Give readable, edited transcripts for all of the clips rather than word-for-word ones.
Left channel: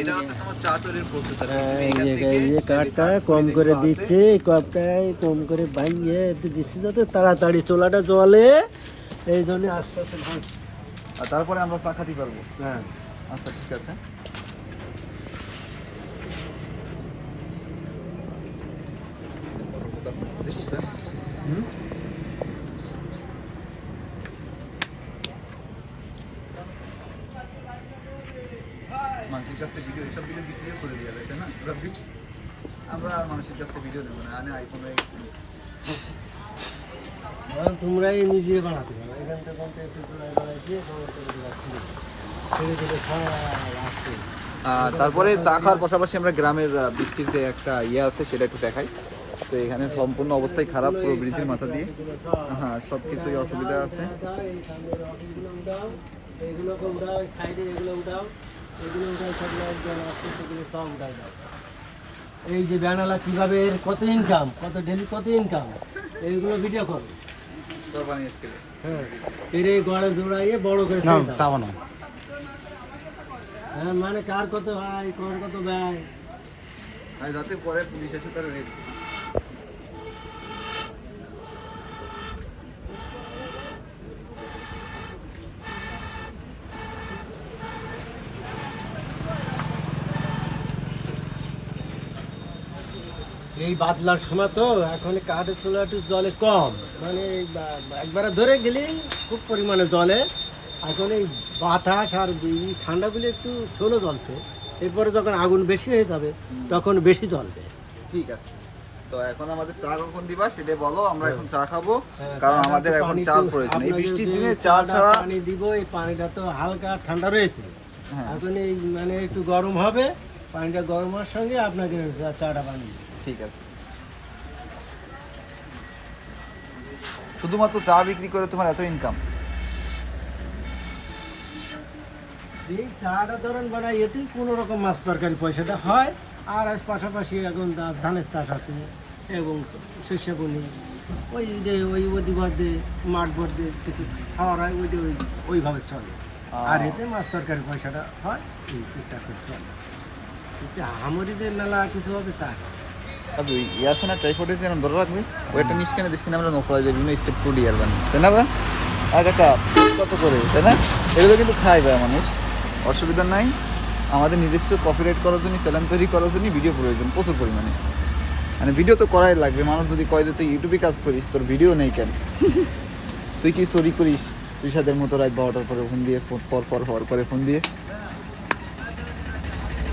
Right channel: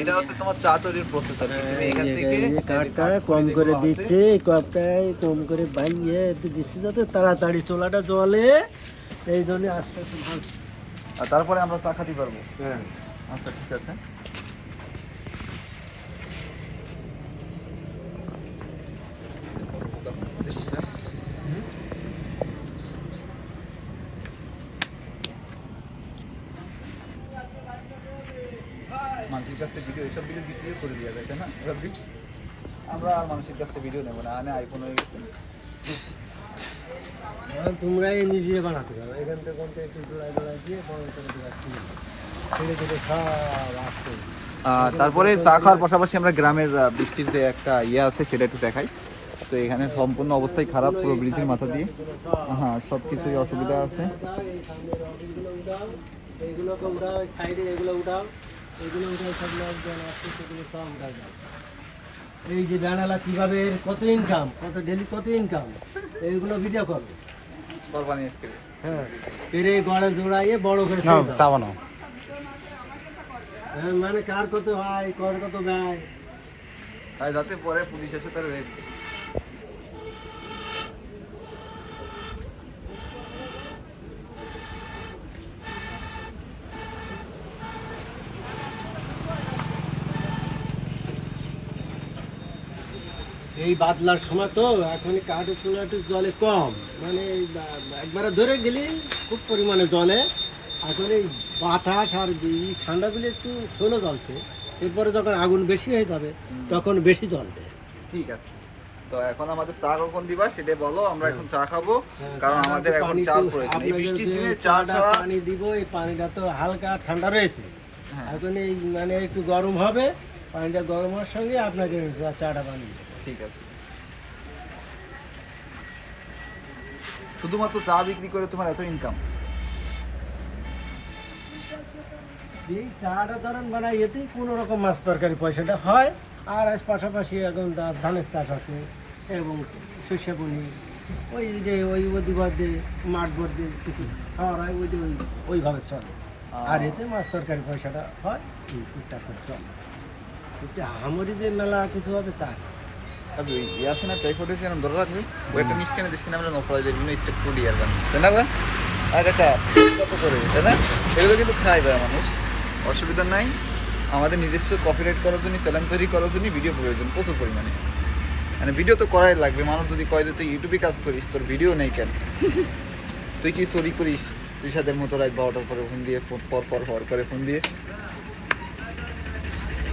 এটা হচ্ছে তোমার চা তৈরির প্রসেস। কাঠটা কম করে দিচ্ছে, কাপটায় কম করে ভাঙিয়ে একটু দিচ্ছি যাতে তাড়াতাড়ি চোলাটা জলে, এই জন্য আস্তে আস্তে ভাঙছি। আর তারপরে আমরা চা খাতে পারবো। হ্যাঁ আচ্ছা ঠিক আছে। মানুষের কাছ থেকে ভিডিও, এইসব ভিডিও বিক্রি করে দেওয়া যায়, তাই না? আমরা আর মানুষের কাছ থেকে ভিডিও নেবো না, আইফোন হয়ে গেছে। তোমরাই নিজে বানাতে পারো, এখান থেকে একটু জোড়ায় জোড়ায় দিয়ে ছেড়ে দিলে সব আসতে। তারপরে চা খাওয়ার পাশাপাশি আমরা গ্রামের বৃষ্টির যে একটা ইয়ে আছে সেটা একটু দেখাই। তো এখানে সম্পূর্ণ অবস্থায় খারাপ, পুরো ব্রিজের মাথা দিয়ে। হ্যাঁ, সব কিছুই অসুবিধা আছে। এইগুলোকে উঠাও, সাইডে এগুলো উঠাও, এগুলো উঠাই থাকলে জল আসছে, সেগুলো সব উঠাই দাও। এই যে ব্যানালা কীভাবে কত ইনকাম, কত ডেলি কত ইনকাম, এইগুলো ভিডিও করো। হ্যাঁ, এর এই গড়ে জোড়াইয়ে বড় করে চাবানো। হ্যাঁ, মানে কার কত হয়, কর কত ব্যয়, যাতে পরে পুলিশ এসে তার এই বাদলার সময় তো এখন কাঠের চুলাটি জলে কম, মানে একবারে ধরে গেলে খুব পরিমাণে জলে। এখন এই বাতাস আর এই ঠান্ডাগুলি একটু ছোলো জ্বলছে, এরপরে যখন আগুন বেশি হয়ে যাবে তখন বেশি জ্বলবে। ঠিক আছে। তো এখন আমাদের চা কখন দিবা সেটা বলো, আমরা এখন চা খাবো, কারণ আমাদের এখন চা প্রয়োজন। এই বৃষ্টির দিনে চা ছাড়া পানি দিব, এই পানিটা তো হালকা ঠান্ডা রয়েছে, এখন এই মানে একটু গরম হবে, পানিটা গরম হওয়ার সঙ্গে আপনাকে চাটা পানি দিবে। ঠিক আছে। শুধুমাত্র চা বিক্রি করে তোমার এত ইনকাম? এই চাটা ধরেন বানাই, এতেই কোনো রকম মাছ তরকারি পয়সাটা হয়। আর আজ পাশাপাশি এখন ধানের চাষ আছে এবং শস্য বনি, ওই যে ওই অধিবাদে মাঠ ভর্তি কিছু খাওয়ার হয়, ওইভাবে চলে। আর এতে মাছ তরকারি পয়সাটা হয়, এই টুকটাক করে চলে। এতে হামরি যে মেলা কিছু হবে তা না। ইয়াসনা ট্রাইপডে যেন ধরে রাখবে, ওইটা নিষ্কানে দিসকে আমরা নকলা যে বিভিন্ন স্টেপ টু ডিয়ার বানি, তাই না? আর একটা কত করে, তাই না? এগুলো কিন্তু খাই যায় মানুষ, অসুবিধা নাই। আমাদের নিজস্ব কপিরাইট করার জন্য, চ্যানেল তৈরি করার জন্য ভিডিও প্রয়োজন প্রচুর পরিমাণে। মানে ভিডিও তো করাই লাগবে। মানুষ যদি কয় যে তুই ইউটিউবে কাজ করিস, তোর ভিডিও নেই কেন? তুই কি চুরি করিস রিশাদের মতো রাত 12টার পরে ফোন দিয়ে, পর হওয়ার পরে ফোন দিয়ে?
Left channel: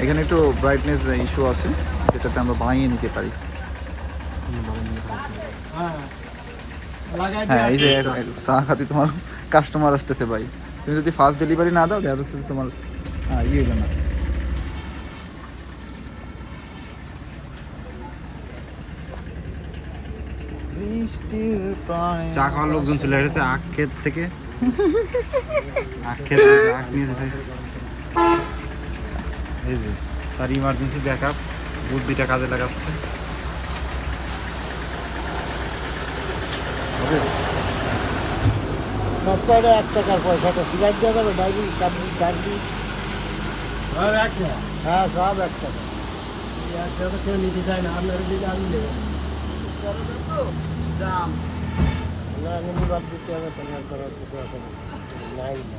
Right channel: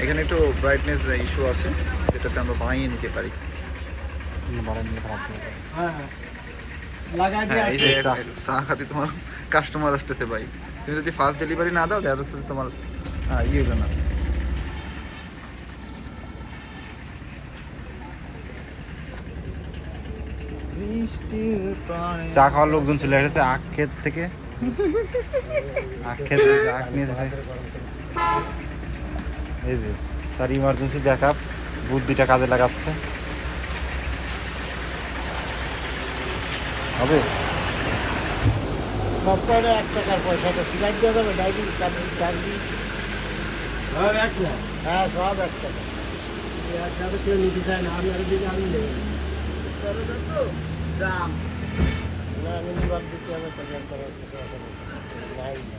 এখানে একটু ব্রাইটনেস ইস্যু আছে, যেটাতে আমরা বানিয়ে নিতে পারি। হ্যাঁ, এই যে চা খাতে তোমার কাস্টমার আসতেছে ভাই, তুমি যদি ফাস্ট ডেলিভারি না দাও দেখা যাচ্ছে তোমার ইয়ে হলো না। চা খাওয়ার লোকজন চলে এসেছে আখ ক্ষেত থেকে, আখ ক্ষেত আখ নিয়ে এই যে তার ইমার্জেন্সি ব্যাকআপ বুদ্ধিটা কাজে লাগাচ্ছে। হবে সপ্তাহে 1 টাকার পয়সাটা সিলাইট দেওয়া যাবে, ডাইরি ডাইরি হ্যাঁ সব 1 টাকা। 1 টাকা কেউ নিতে চায় না, আপনারা দিলে আমি নেবেন দাম না, আমি নিবার দিতে হবে, পেমেন্ট করার কিছু আছে নাই না।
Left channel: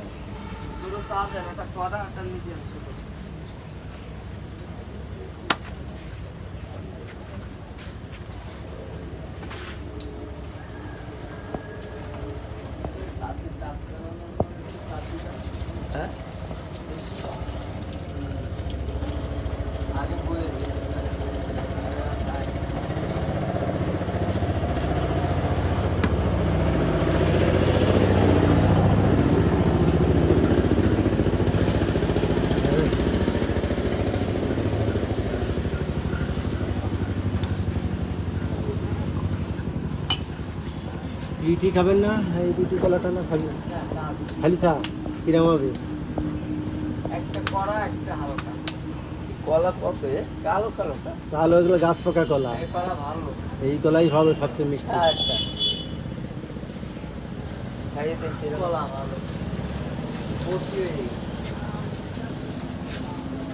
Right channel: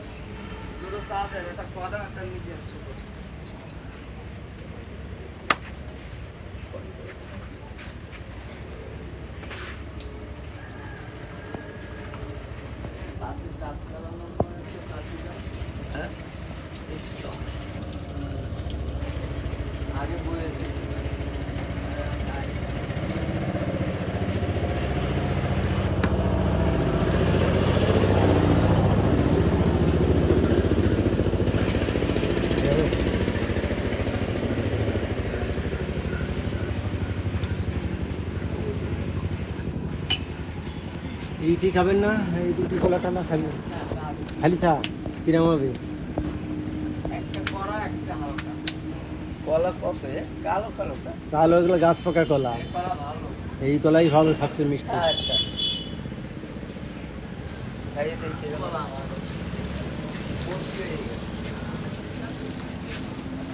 এইটি খাবেন না, এই দুটি কলাটা না খাবেন, খালি চা কিরম হবে? কালো এগুলো গাছ পোকা কলা, এই কলাই ভালো, সবচেয়ে মিষ্টি।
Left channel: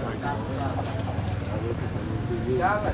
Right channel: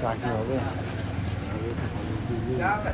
চাকরি হবে